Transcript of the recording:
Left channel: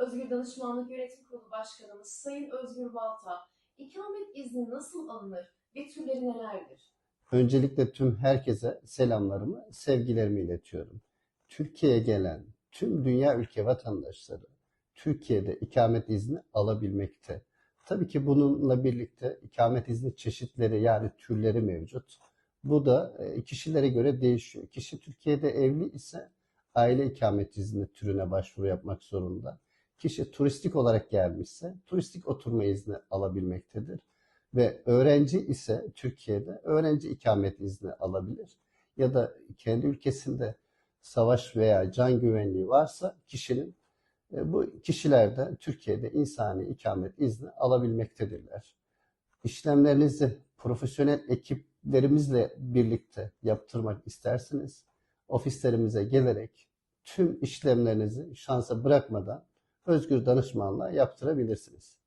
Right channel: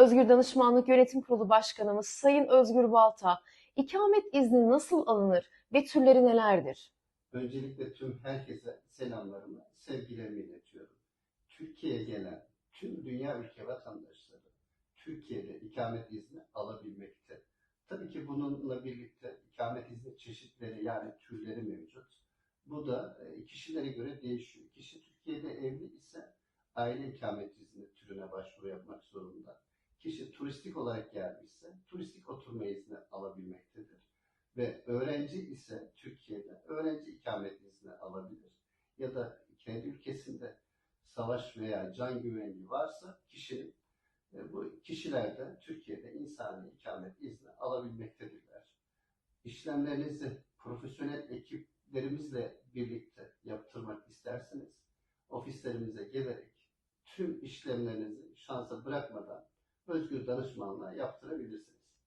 Özgür Danışmanlık Yönetim Kurulu Başkanımız Sayın Özgür Balta, ikamet izni nasıl alınır ve türleri nelerdir? Öncelikle tüm herkese selamlarımı, sevgilerimi iletiyorum. Türkiye'ye gelen tüm dünya ülke vatandaşları Türkiye'de ikamet izni alabilmekte. Tabii ki bununla birlikte ikamet izni çeşitleri yani türleri mevcut. Bu da e, kişilere göre değişiyor. Kişi Türkiye'de evli ise aile ikamet izni türüne başvuru yapmak zorunda. Kişi turistik olarak gelmişse turistik oturma izni alabilmektedir ve öğrenci ise Türkiye'de öğrenci ikamet izni alabilir. Ya da kendi ülkesinde savaş veya can güvenliği varsa kişinin e, bu kişiler de Türkiye'de insani ikamet izni alabilmektedirler. İşlemlerinizi profesyonel ekiplerimizle birlikte yaptırmak isterseniz ofislerimize gelerek tüm işlemlerinizi şansa bırakmadan özgür danışmanla yaptırabilirsiniz.